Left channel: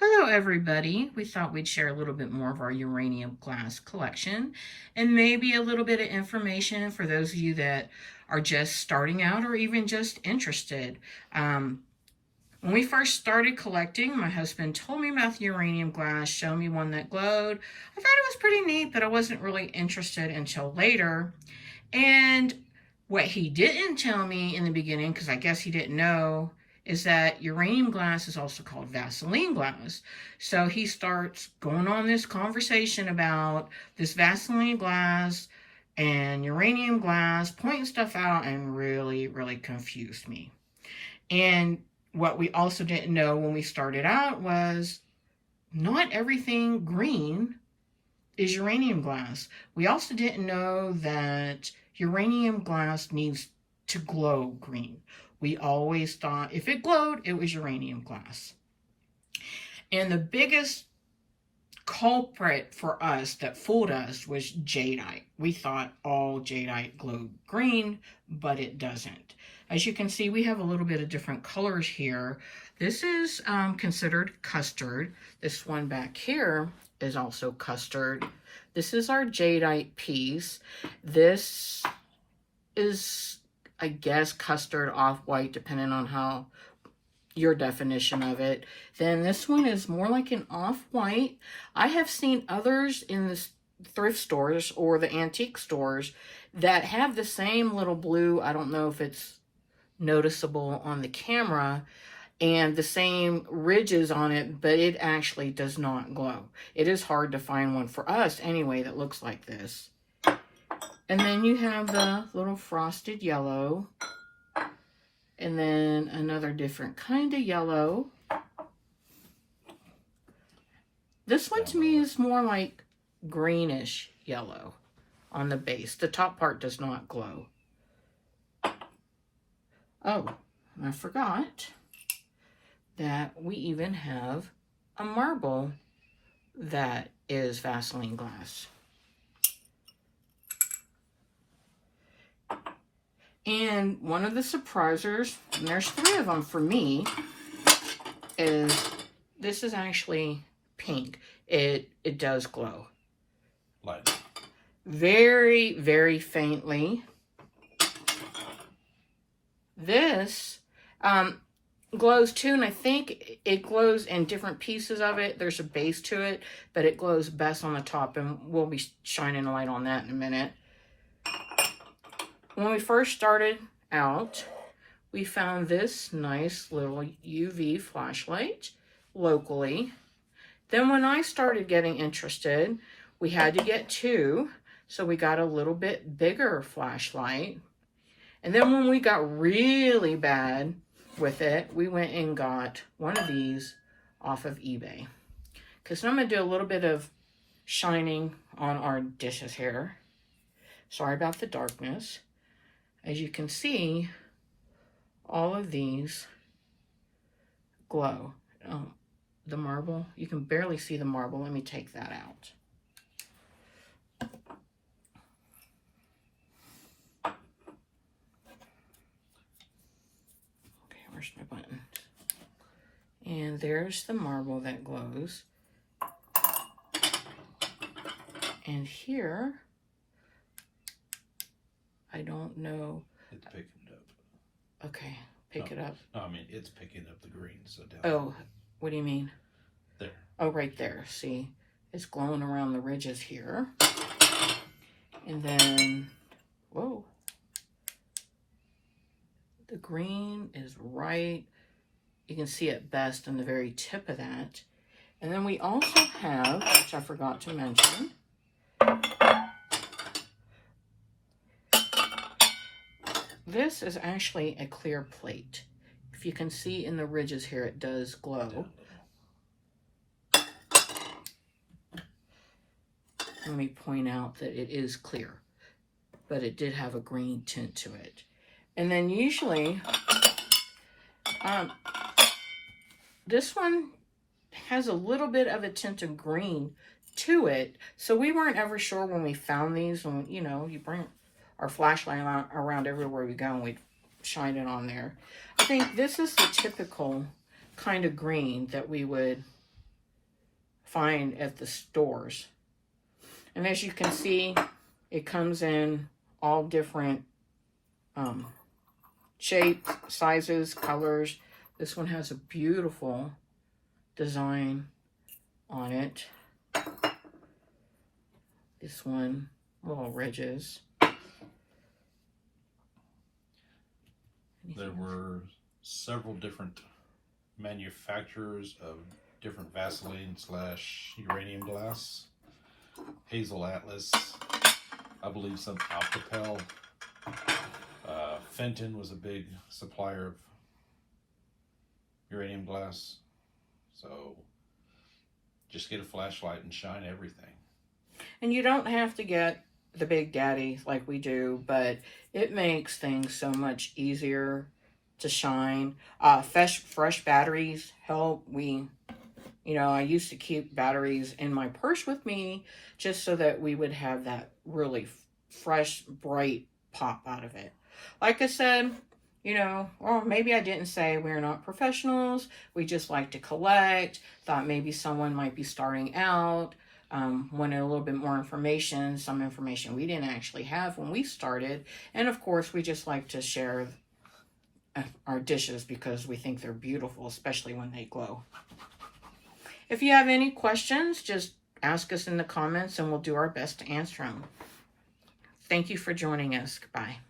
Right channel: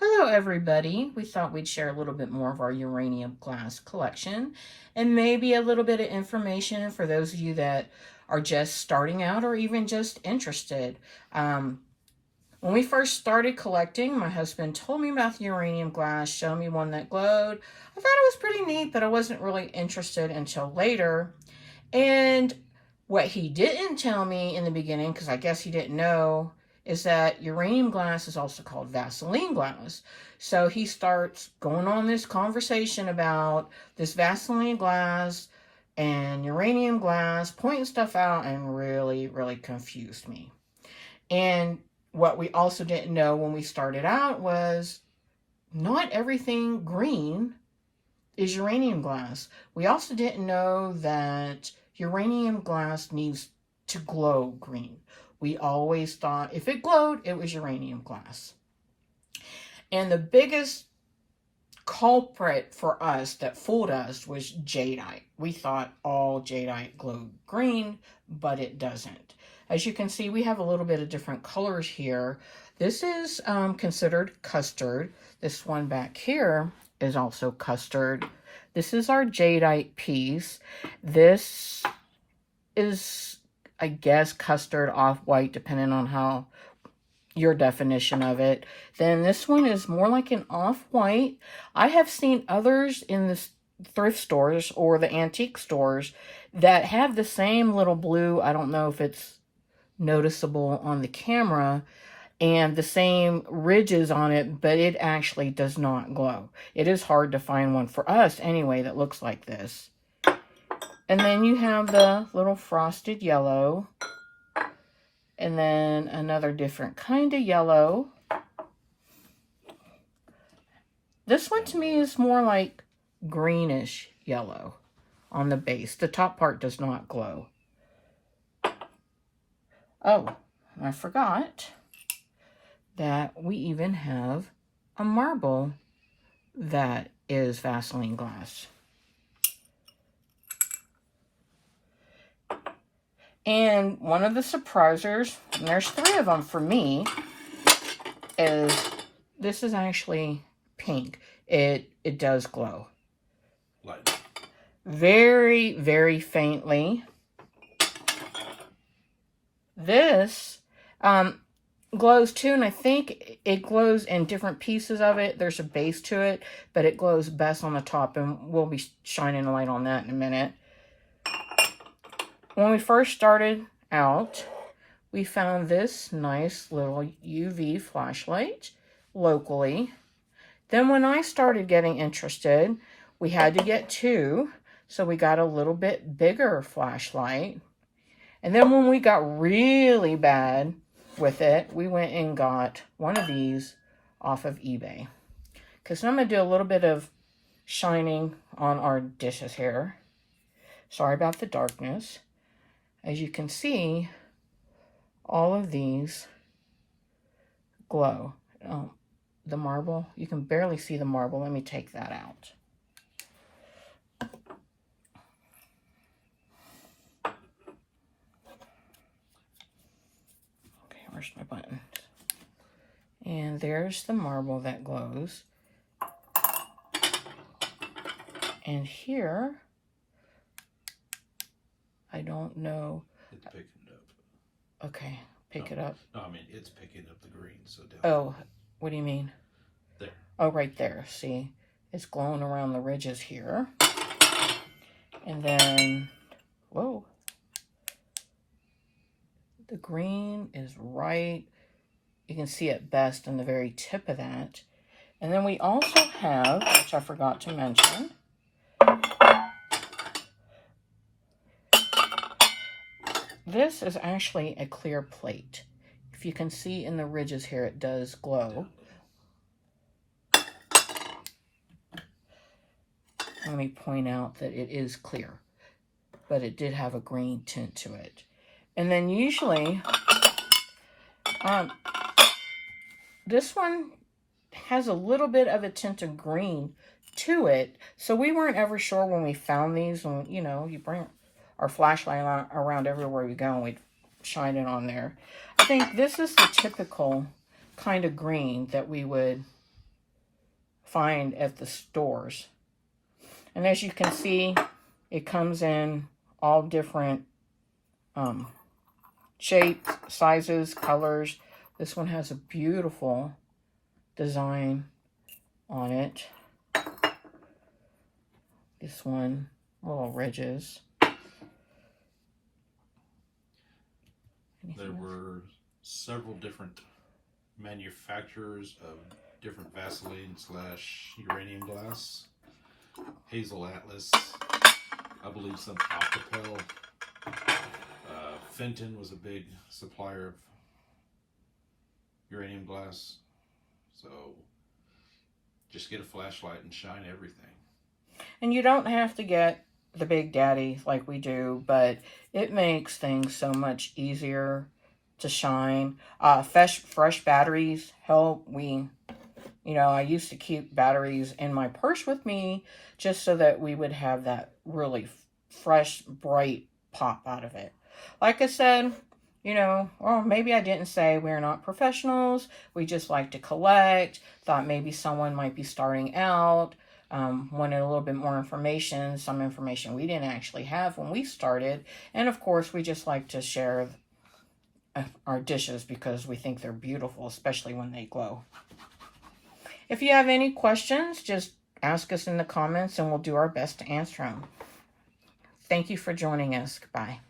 Hello everybody. We thought we'd share a little bit more of our uranium glass collection and maybe a little bit of information for those of you that are just starting out or even just interested. When we first started collecting, my husband told me about the uranium glass, showed me one that glowed. I thought it was pretty neat, but I wasn't really interested until later. And what he didn't tell me in the beginning, because I guess he didn't know, is that uranium glass is also called vaseline glass. So he starts going on this conversation about this vaseline glass and uranium glass, pointing stuff out, and really confused me. And what we also didn't know when we started out was not everything green is uranium glass. We also didn't know that uranium glass needs to glow green. We always thought if it glowed, it was uranium glass. And the biggest culprit for us that fooled us was jadeite. We thought all jadeite glowed green, but it doesn't. As you can see, we have a little bit of different colors here. This is considered custard. This one back here is also custard. This is our jadeite piece. This is, I guess, custard off-white, depending on how your definition of it. Then this one is more like an off-white. I have seen others in the thrift stores or the antique stores that have the same little blue. I don't know if it's noticeable on the camera, and the same ridges on it, but it actually does not glow. It is hard to find one for us anyway that looks like this. And then you have the little frosted yellow, and then another different kind of yellow. This one to me is more like greenish yellow on the base. The top part does not glow. Oh, I forgot that we even have a marble that is Vaseline glass. And one of the surprisers, and there's 3 of them for me, is this is actually pink. It does glow. Light. Very faintly. This glows too, and I think it glows in different pieces of it. There's a base to it, but it glows best on the top, and we'll be shining a light on that in a minute. When we first started out, we found this nice little UV flashlight locally. Then when I started getting interested, we had to get 2, so we got a little bit bigger flashlight. And then when we got really bad with it, we went and got one of these off of eBay. Because I'm going to do a little bit of shining on our dishes here. Sorry about the darkness. As you can see, all of these glow. Oh, the marble, you can barely see the marble. Let me take that out. Where's my buttons? And there's the marble that glows. And here, I don't know. It's picking it up. Okay, pick it up. No, I mean, it's picking up the green, so down. Oh, what do you mean? There. Oh, right there. See, it's glowing around the ridges here. And then, whoa. The green is right. You can see it best on the very tip of that. And then we also have, which I forgot to mention, this is actually a clear plate. If you can see in the ridges here, it does glow. Let me point out that it is clear, but it did have a green tint to it. And then usually, this one has a little bit of a tint of green to it. So we weren't ever sure when we found these. And, you know, you bring our flashlight around everywhere we go and we shine it on there. I think this is the typical kind of green that we would find at the stores. And as you can see, it comes in all different shapes, sizes, colors. This one has a beautiful design on it. This one, little ridges. There were several different manufacturers of different Vaseline / uranium glass. Hazel Atlas, I believe some Alcapel. Fenton was a big supplier of uranium glass. So just get a flashlight and shine everything. And you don't have to get the Big Daddy like we do, but it makes things so much easier to shine. Fresh batteries help. I used to keep batteries in my purse with me just so that we would have that really fresh, bright pop out of it. Like I said, or maybe I didn't say we're not professionals. We just like to collect. Thought maybe someone might be starting out, wanted a little bit more information, some information we didn't actually have when we started. And of course, we just like to share our dishes because we think they're beautiful, especially when they glow. If you have any questions, just ask us in the comments and we'll do our best to answer them. Thank you for joining us. Bye.